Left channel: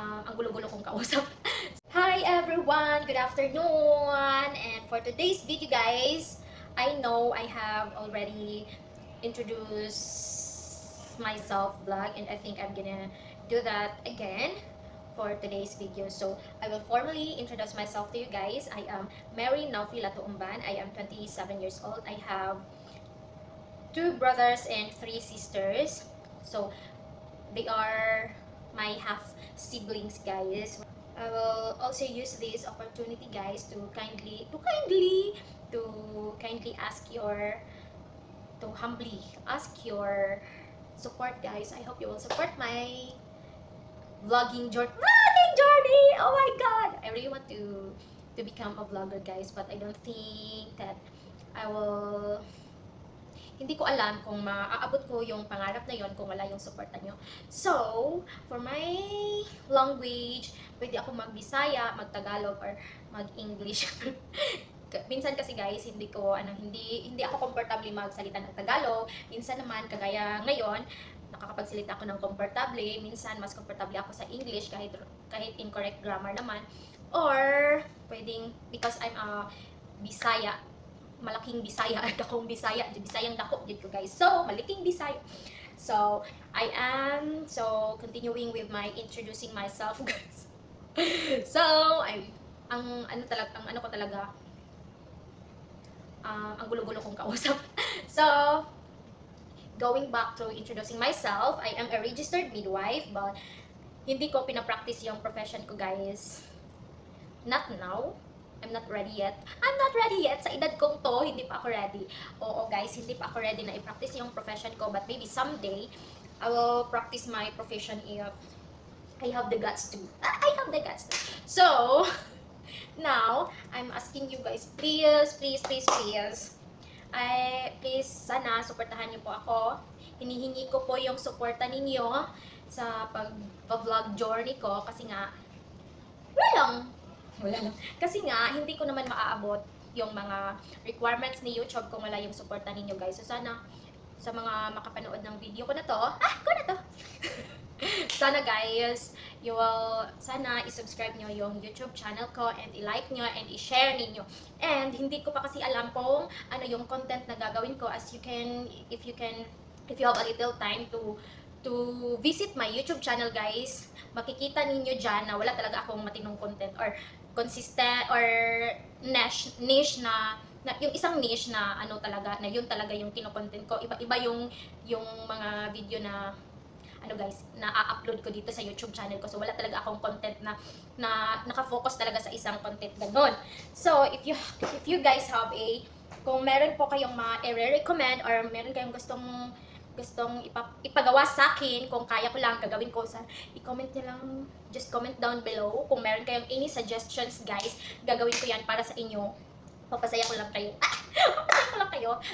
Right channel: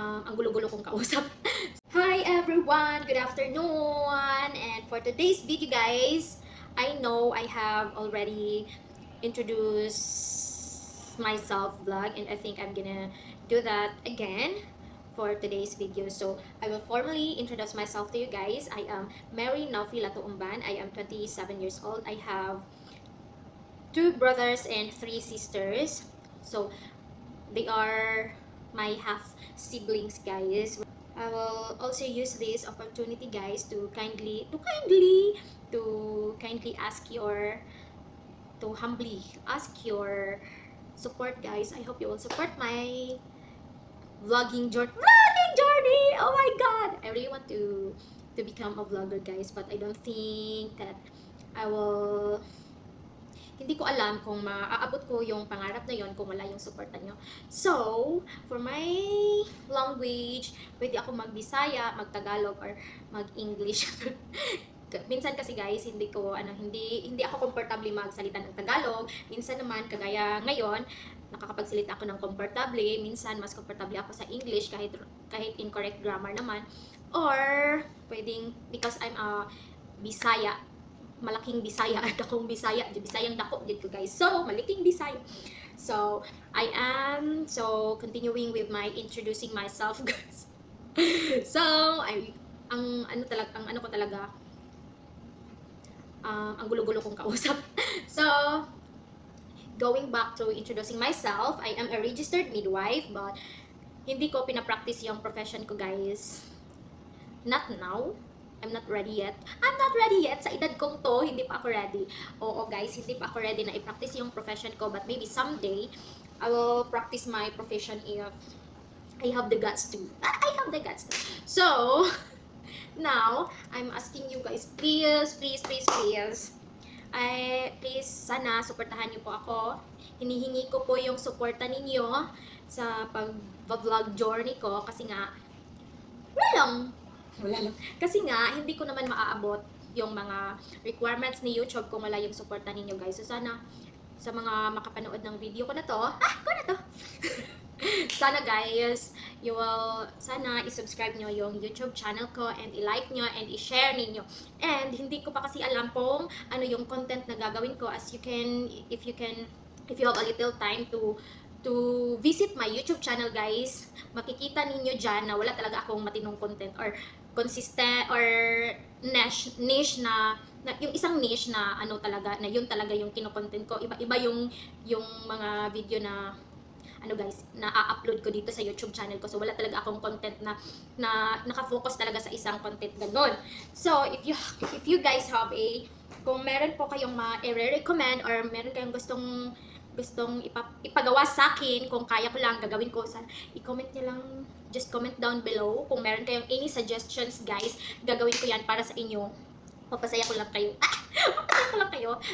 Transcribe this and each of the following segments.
ang gulo-gulo kong kausap. Hi everyone! Good afternoon! And for today's video guys, I know I have already introduced myself vlog and I think I'm gonna do that again for today's video. So, I will formally introduce myself to you guys. I am Mary Naufi Latuumban. I am 27 years old. I have 2 brothers and 3 sisters. So, they are my half siblings guys. I will also use this opportunity guys to kindly ask your to humbly ask your support guys. I hope you will support my vlogging journey. Oh my god, I really want to become a vlogger guys, but I don't think that I will hindi ko alam kung maaabot ko yung pangarap na yon kung wala yung suporta nyo. So, for my language, pwede ako mag-Bisaya, mag-Tagalog, or mag-English. Minsan kasi guys, hindi ako comfortable magsalita ng Tagalog. Minsan naman, kagaya ngayon, nakakapagsalita ako ng comfortable. Minsan, mas comfortable ako sa English kahit incorrect grammar naman. Or, pwedeng, because I'm a Bisaya, malaking Bisaya, dakong Bisaya, Bisayang dako dito guys. So, malaking Bisaya. So, continuing with my introducing myself guys. So, ang gulo-gulo kong kausap. So, going back to introducing myself, I am a registered midwife, but hindi ko pinapractice yung profession ko guys. Not now. I'm not ready yet. Sa edad kong to, hindi pa ako ready. Oo guys, hindi pa ako ready na i-practice yung profession ko. But maybe someday, I will practice my profession if I have the guts to. I have the guts to. So, now, I'm asking you guys, please, sana, suportahan niyo po ako. Hinihingi ko po yung suporta ninyo sa pag-vlog journey ko kasi nga, wala lang. Kasi nga, hindi ko naman maaabot yung mga requirements ni YouTube kung wala yung suporta ninyo guys. So sana, sa mga makapanood ng video ko na to, sana guys, sana i-subscribe nyo yung YouTube channel ko and i-like nyo and i-share ninyo. And hindi ko pa kasi alam kung ano yung content na gagawin ko if you have a little time to visit my YouTube channel guys, makikita ninyo dyan na wala talaga akong matinong content or consistent or niche na yung isang niche na yun talaga yung kino-content ko. Iba yung mga video na guys, na a-upload ko dito sa YouTube channel ko. So wala talaga akong content na naka-focus talaga sa isang content ganon. So if you guys have kung meron po kayong ma-recommend or meron kayong gustong ipagawa sa akin, kung kaya ko lang, gagawin ko. I-comment nyo lang, just comment down below. Kung meron kayong any suggestions guys, gagawin ko yan para sa inyo. Papasaya ko lang kayo.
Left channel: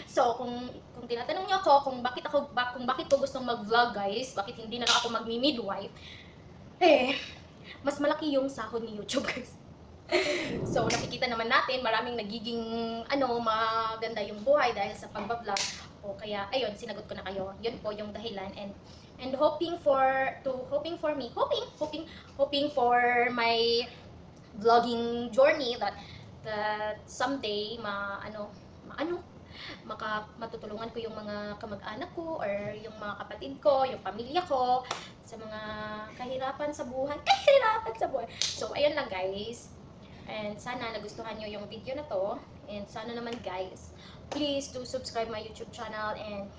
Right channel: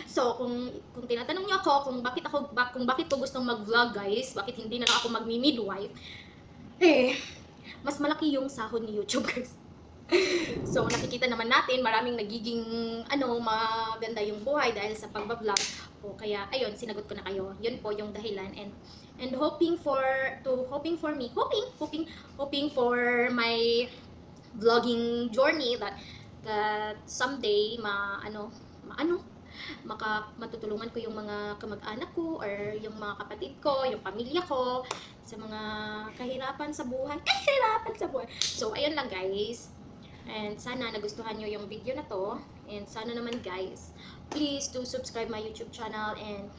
So, kung tinatanong nyo ako kung bakit ko gustong mag-vlog guys, bakit hindi na lang ako magmi-midwife, mas malaki yung sahod ni YouTube guys. So, nakikita naman natin, maraming nagiging maganda yung buhay dahil sa pagbablog. O kaya, ayun, sinagot ko na kayo. Yun po yung dahilan. And hoping for my vlogging journey that someday matutulungan ko yung mga kamag-anak ko or yung mga kapatid ko, yung pamilya ko sa mga kahirapan sa buhay. So, ayun lang guys. And sana nagustuhan nyo yung video na to. And sana naman guys, please do subscribe my YouTube channel and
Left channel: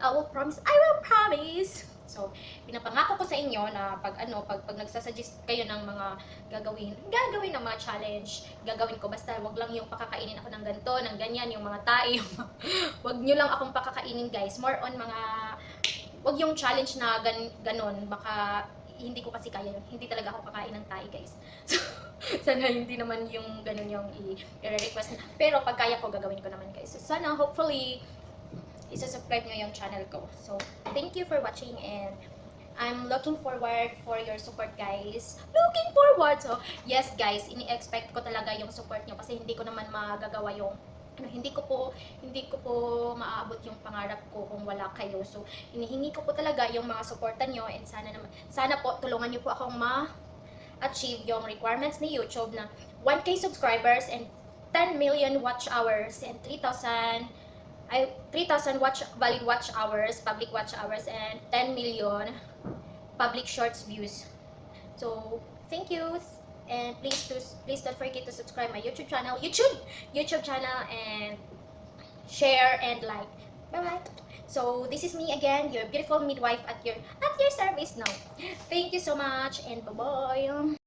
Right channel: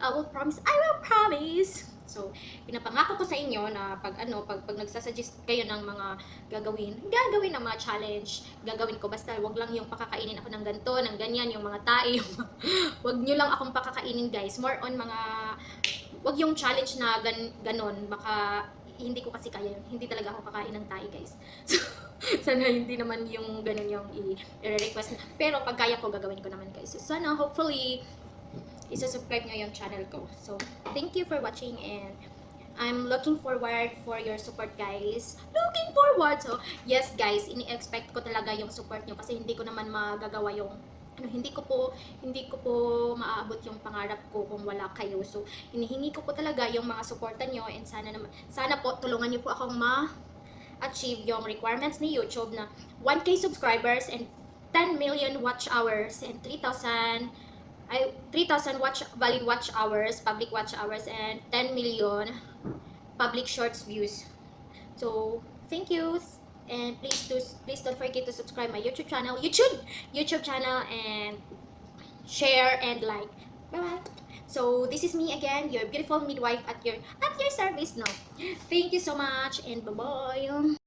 I will promise. So, pinapangako ko sa inyo na pag nagsasuggest kayo ng mga gagawin ng mga challenge, gagawin ko. Basta wag lang yung pakakainin ako ng ganito, ng ganyan, yung mga tae. Wag nyo lang akong pakakainin guys. More on wag yung challenge na ganon. Baka hindi ko kasi kaya yun. Hindi talaga ako kakain ng tae guys. So, sana hindi naman yung ganun yung i-request. Pero pag kaya ko, gagawin ko naman guys. So, sana hopefully isa-subscribe nyo yung channel ko. So, thank you for watching and I'm looking forward for your support guys. So, yes guys, ini-expect ko talaga yung support nyo kasi hindi ko naman magagawa yung hindi ko po maaabot yung pangarap ko kung wala kayo. So, hinihingi ko po talaga yung mga suporta nyo and sana po tulungan nyo po akong achieve yung requirements ni YouTube na 1K subscribers and 10 million watch hours and 3,000 valid watch hours, public watch hours, and 10 million public shorts views. So thank you, and please don't forget to subscribe my YouTube channel, and share and like. Bye bye. So this is me again, your beautiful midwife at your service now. Thank you so much and bye bye.